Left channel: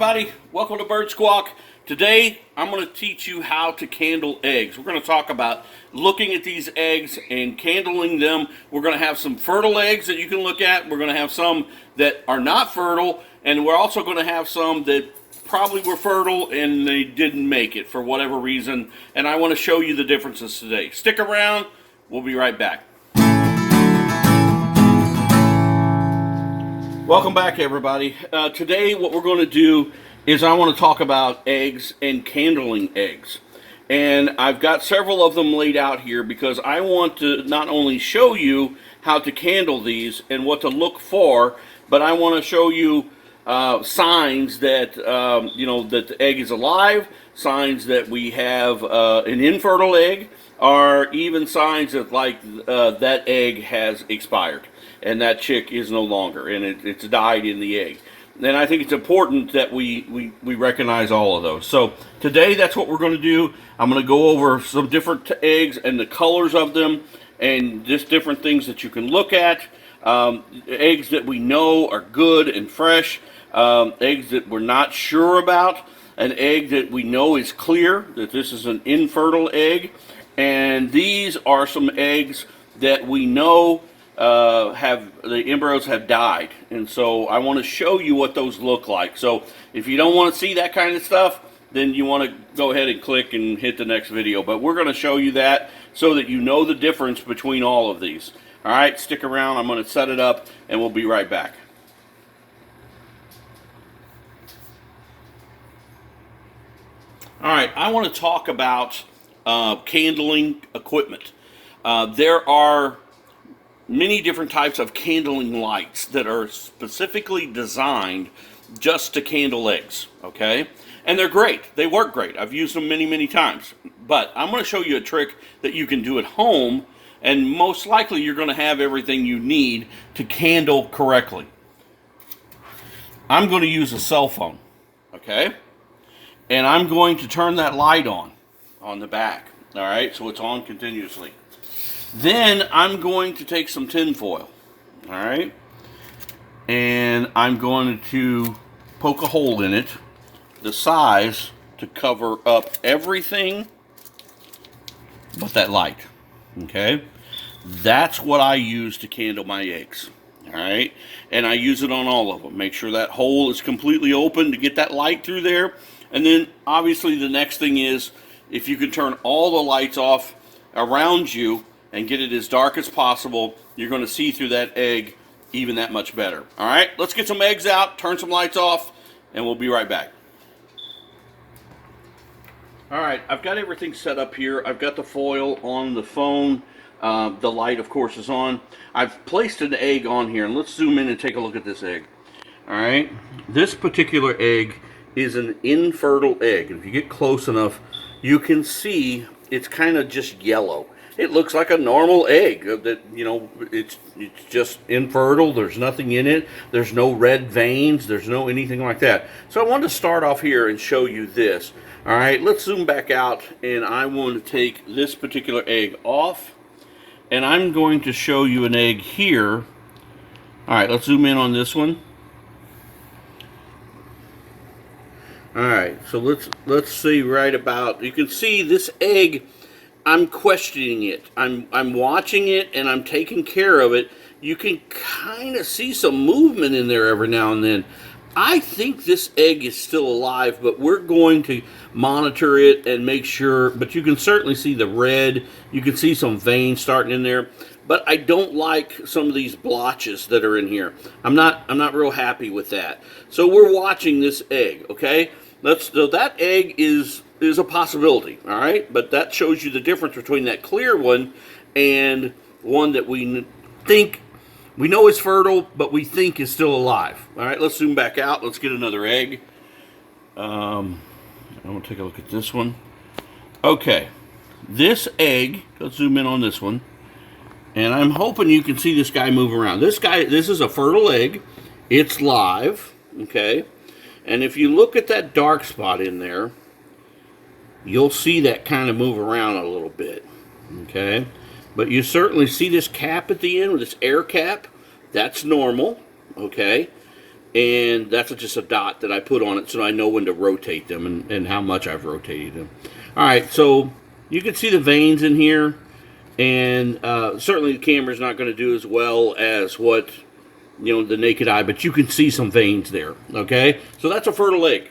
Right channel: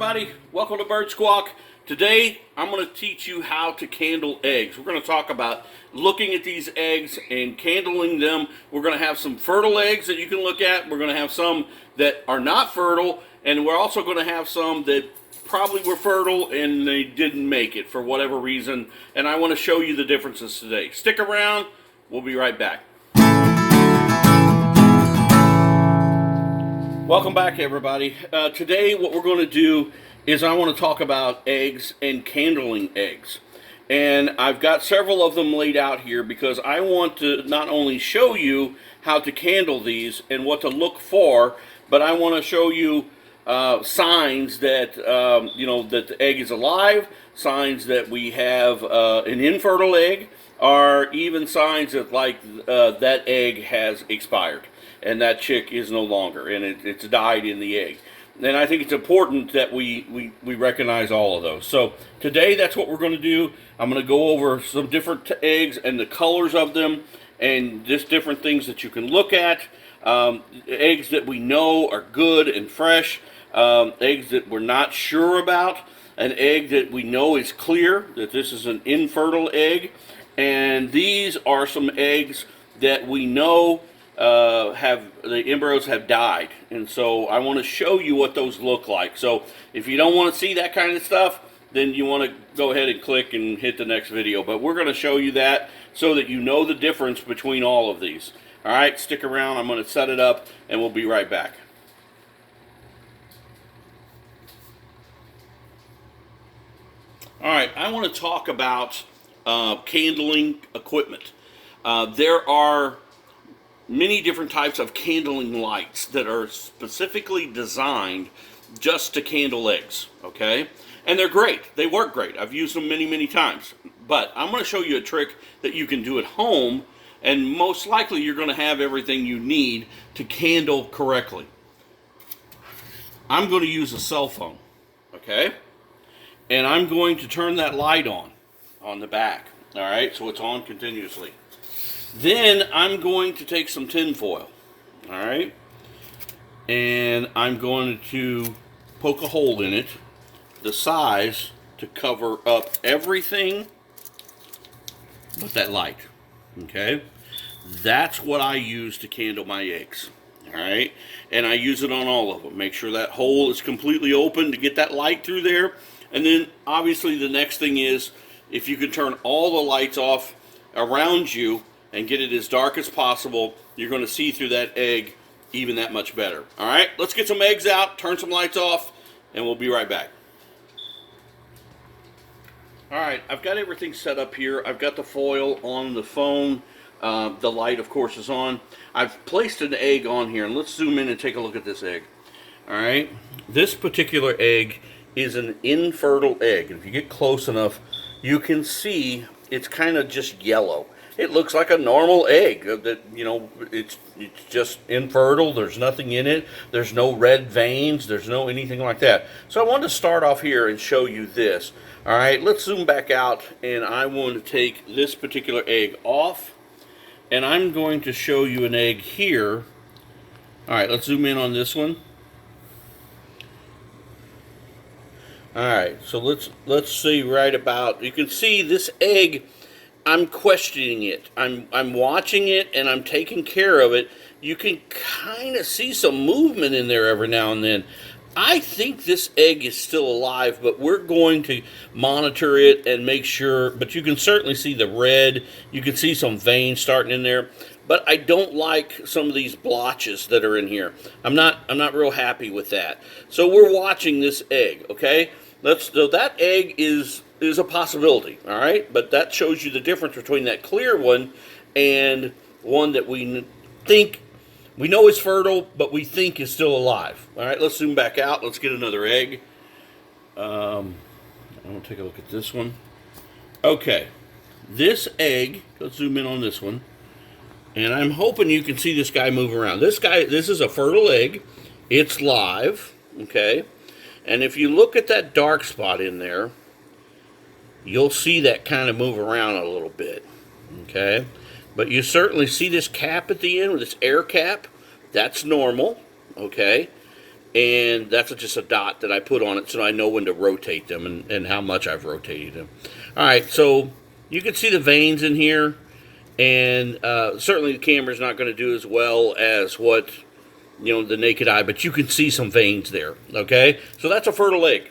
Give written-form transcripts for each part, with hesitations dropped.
everybody, welcome to Bird Squawk. Today I'm going to teach you how to candle eggs. We're going to talk about looking at these eggs and candling them. We're going to have some fertile eggs that you can look at. We're going to have some that are not fertile, and we're also going to have some that probably were fertile and they didn't make it for whatever reason, and I want to show you the differences today. Stick around, we'll be right back. Welcome back, everybody. Today what we're going to do is I want to talk about eggs and candling eggs. And I've got several of them laid out here because I want to not only show you how to candle these and what to look for, but I want to show you signs that, that the egg is alive, signs that we have an infertile egg, or even signs that that egg has expired and that chick is no longer, and it's died in the egg. And I think it's important that we recognize all of those. So today, that's what we're going to do. I'm going to go over some different eggs and the colors of them, and just different things that you can look at. Eggs that we know are good and fresh, eggs that we're not sure about, an egg that we know is clear, that this is an infertile egg, and these are some eggs that we know the embryos have died, and so I want to show you what those look like. So if you don't want to see that kind of stuff, then you want to go ahead and click and hit the next video, but we're going to show you that so that you know the difference between all of these. All right, stick around. I'm going to set it up and we'll be right back. All right, I want to talk about candling equipment. There are many different types of candling lights that are specifically designed just to candle eggs, okay? And they're great. They work great. I've used them many, many times. But I'm going to show you a trick that you can do at home, and most likely you're going to have everything you need to candle correctly. I'm going to use a cell phone, okay? And I'm going to turn that light on the back, all right? So it's on continuously. Then I'm going to take some tin foil, all right, and I'm going to poke a hole in it, the size to cover up everything but that light, okay? That's what I use to candle my eggs, all right? And I use it on all of them. Make sure that hole is completely open to get that light through there. And then, obviously, the next thing is, if you can turn all the lights off around you and get it as dark as possible, you're going to see through that egg even that much better. All right, let's get some eggs out, turn some lights off, and we'll be right back. All right, I've got everything set up here. I've got the foil on the phone. The light, of course, is on. I've placed an egg on here, and let's zoom in and take a look at this egg. All right, this particular egg is an infertile egg. If you get close enough, you can see it's kind of just yellow. It looks like a normal egg that, it's just infertile. There's nothing in it. There's no red veins. There's no anything like that. So I wanted to start off here and show you this. All right, let's zoom back out, and I want to take this particular egg off, and I'm going to show you an egg here. All right, let's zoom in on this one. All right, so let's see right about, you can see this egg, I'm questioning it. I'm watching it and I'm taking care of it. You can kind of see some movement in there every now and then. I think this egg is still alive, but we're going to monitor it and make sure, but you can certainly see the red. You can see some veins starting in there, but I don't like some of these blotches that are in here. I'm not real happy with that. So we're watching this egg, okay? So that egg is a possibility, all right? But that shows you the difference between that clear one and one that we think, we know is fertile, but we think is still alive. All right, let's zoom back out. Let's get another egg. I'm going to take a look at this one. Okay, this egg, let's zoom in on this one. And I'm hoping you can see this guy move around. This is a fertile egg. It's live, okay? And if you look at that dark spot in there, you'll see that kind of move around a little bit, okay? But you certainly see this cap at the end with this air cap. That's normal, okay? and that's just a dot that I put on it so I know when to rotate them and how much I've rotated them. All right, so you can see the veins in here, and certainly the camera's not going to do as well as what, you know, the naked eye, but you can see some veins there, okay? So that's a fertile egg.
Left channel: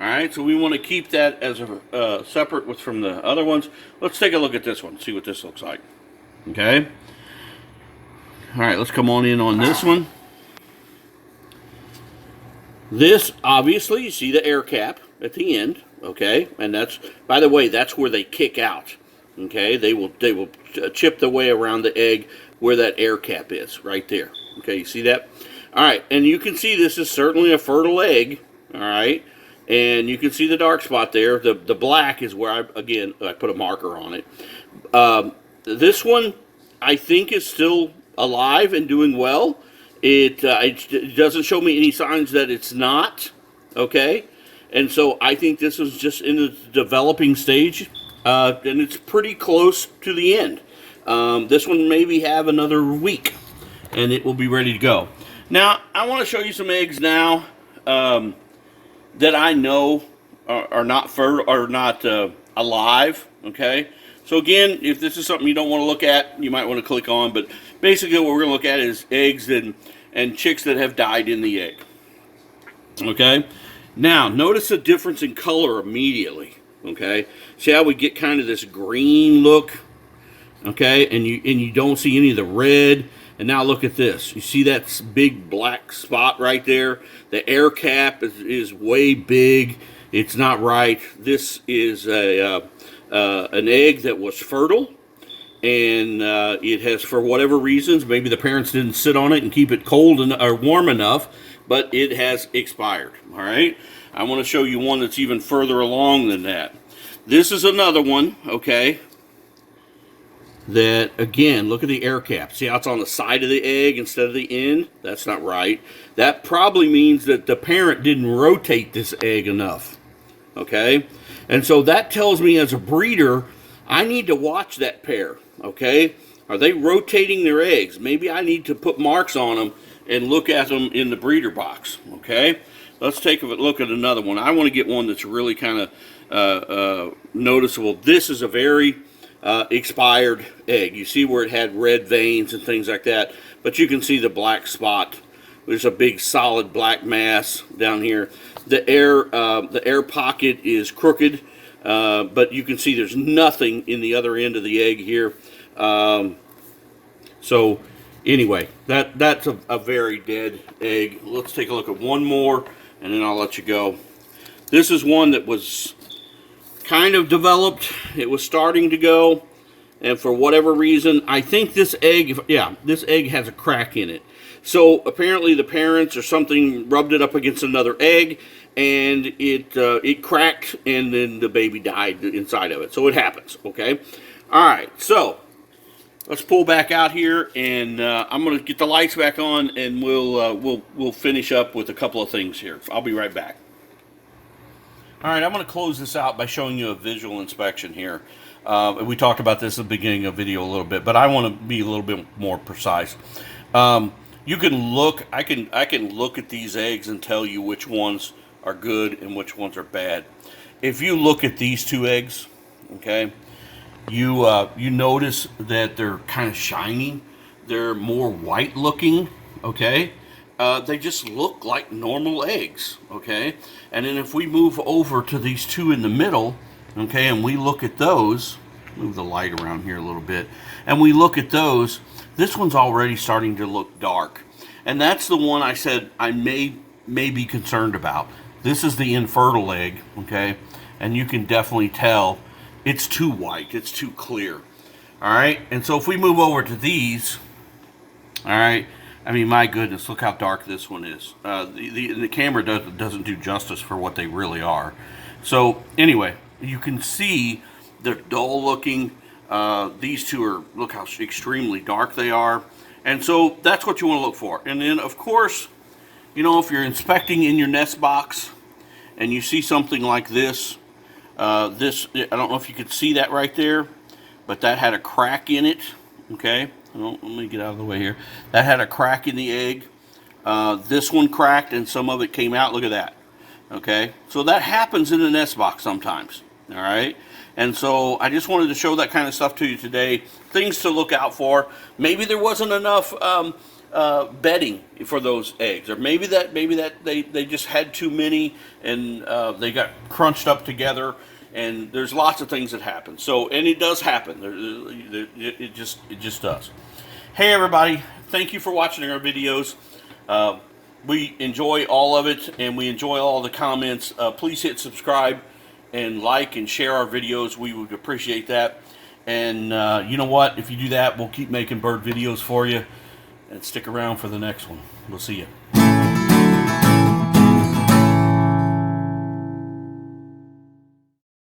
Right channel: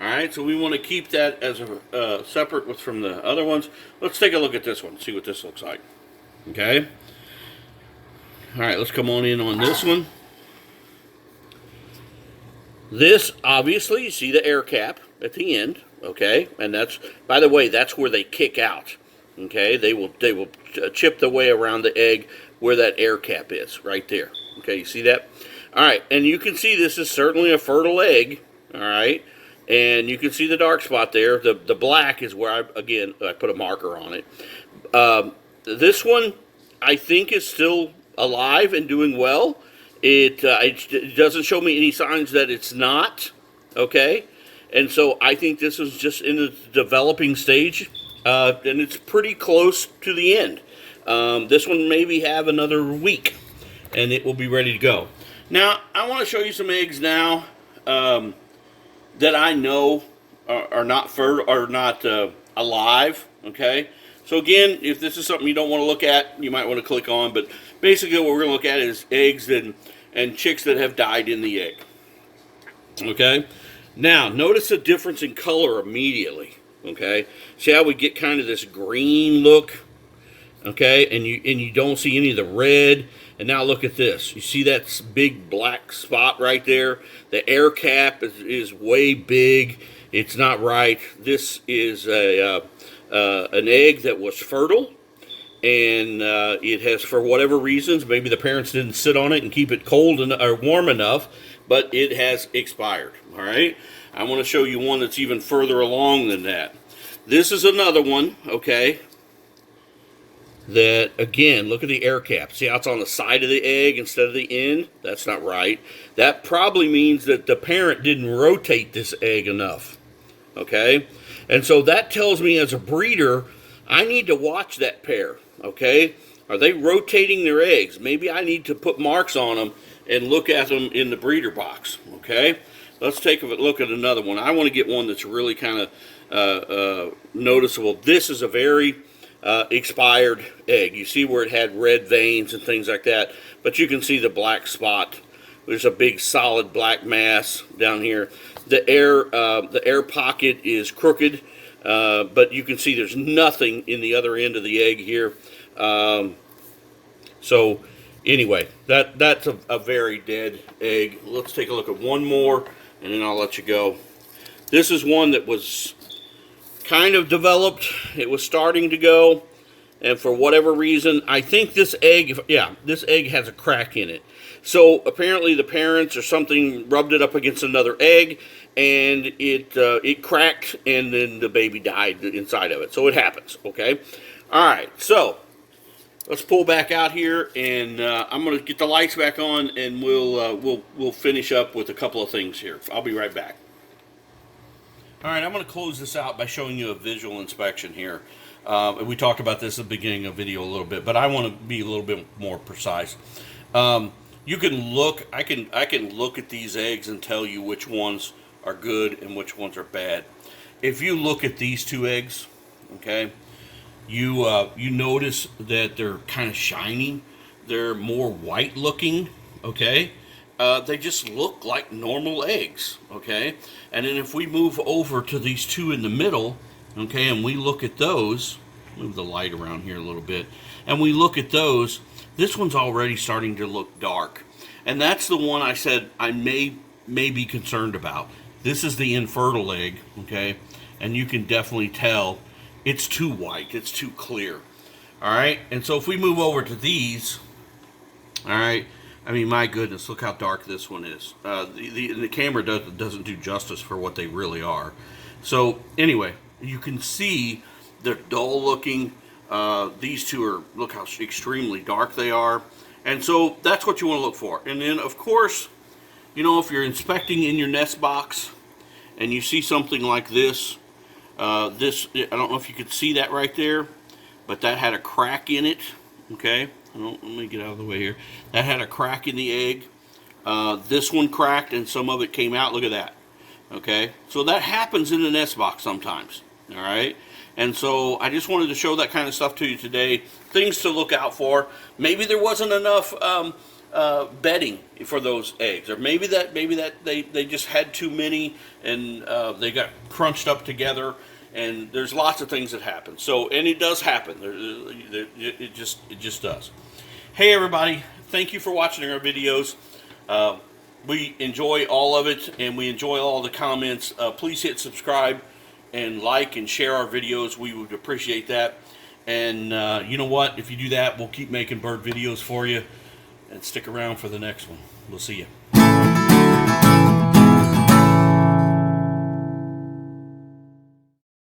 All right, so we want to keep that as a separate from the other ones. Let's take a look at this one, see what this looks like, okay? All right, let's come on in on this one. This, obviously, you see the air cap at the end, okay? And that's, by the way, that's where they kick out, okay? They will chip the way around the egg where that air cap is, right there. Okay, you see that? All right, and you can see this is certainly a fertile egg, all right? And you can see the dark spot there. The black is where, I put a marker on it. This one, I think, is still alive and doing well. It doesn't show me any signs that it's not, okay? And so I think this is just in the developing stage, and it's pretty close to the end. This one maybe have another week, and it will be ready to go. Now, I want to show you some eggs now that I know are not alive, okay? So again, if this is something you don't want to look at, you might want to click on, but basically what we're going to look at is eggs and chicks that have died in the egg, okay? Now, notice the difference in color immediately, okay? See how we get kind of this green look, okay? And you don't see any of the red. And now look at this. You see that big black spot right there? The air cap is way big. It's not right. This is an egg that was fertile, and it has, for whatever reasons, maybe the parents didn't sit on it and keep it cold or warm enough, but it has expired. All right? I want to show you one that's even further along than that. This is another one, okay? That, again, look at the air cap. See how it's on the side of the egg instead of the end? That's not right. That probably means that the parent didn't rotate this egg enough, okay? And so that tells me as a breeder, I need to watch that pair, okay? Are they rotating their eggs? Maybe I need to put marks on them and look at them in the breeder box, okay? Let's take a look at another one. I want to get one that's really kind of noticeable. This is a very expired egg. You see where it had red veins and things like that, but you can see the black spot. There's a big solid black mass down here. The air pocket is crooked, but you can see there's nothing in the other end of the egg here. So anyway, that's a very dead egg. Let's take a look at one more, and then I'll let you go. This is one that was kind of developed. It was starting to go, and for whatever reason, I think this egg, this egg has a crack in it. So apparently the parents or something rubbed it up against another egg, and it cracked, and then the baby died inside of it. So it happens, okay? All right, so let's pull back out here, and I'm going to get the lights back on, and we'll finish up with a couple of things here. I'll be right back. All right, I'm going to close this out by showing you a visual inspection here. We talked about this at the beginning of the video a little bit, but I want to be a little bit more precise. You can look, I can look at these eggs and tell you which ones are good and which ones are bad. If you look at these two eggs, okay, you notice that they're kind of shiny. They're more white looking, okay? They just look like normal eggs, okay? And then if we move over to these two in the middle, okay, and we look at those, move the light around here a little bit, and we look at those, this one's already starting to look dark. And that's the one I said I may be concerned about. This is the infertile egg, okay? And you can definitely tell it's too white, it's too clear. All right, and so if we move over to these, all right, I mean, my goodness, look how dark this one is. The camera doesn't do justice for what they really are. So anyway, you can see they're dull looking. These two are, look how extremely dark they are. And so that's what you want to look for. And then, of course, you know, if you're inspecting in your nest box and you see something like this, I don't know if you could see that right there, but that had a crack in it, okay? Well, let me get out of the way here. That had a crack in the egg. This one cracked and some of it came out. Look at that. Okay, so that happens in a nest box sometimes. All right, and so I just wanted to show that kind of stuff to you today. Things to look out for. Maybe there wasn't enough bedding for those eggs, or maybe that they just had too many and they got crunched up together. And there's lots of things that happen. So, and it does happen. It just does. Hey everybody, thank you for watching our videos. We enjoy all of it, and we enjoy all the comments. Please hit subscribe and like and share our videos. We would appreciate that. And you know what? If you do that, we'll keep making bird videos for you. And stick around for the next one. We'll see you.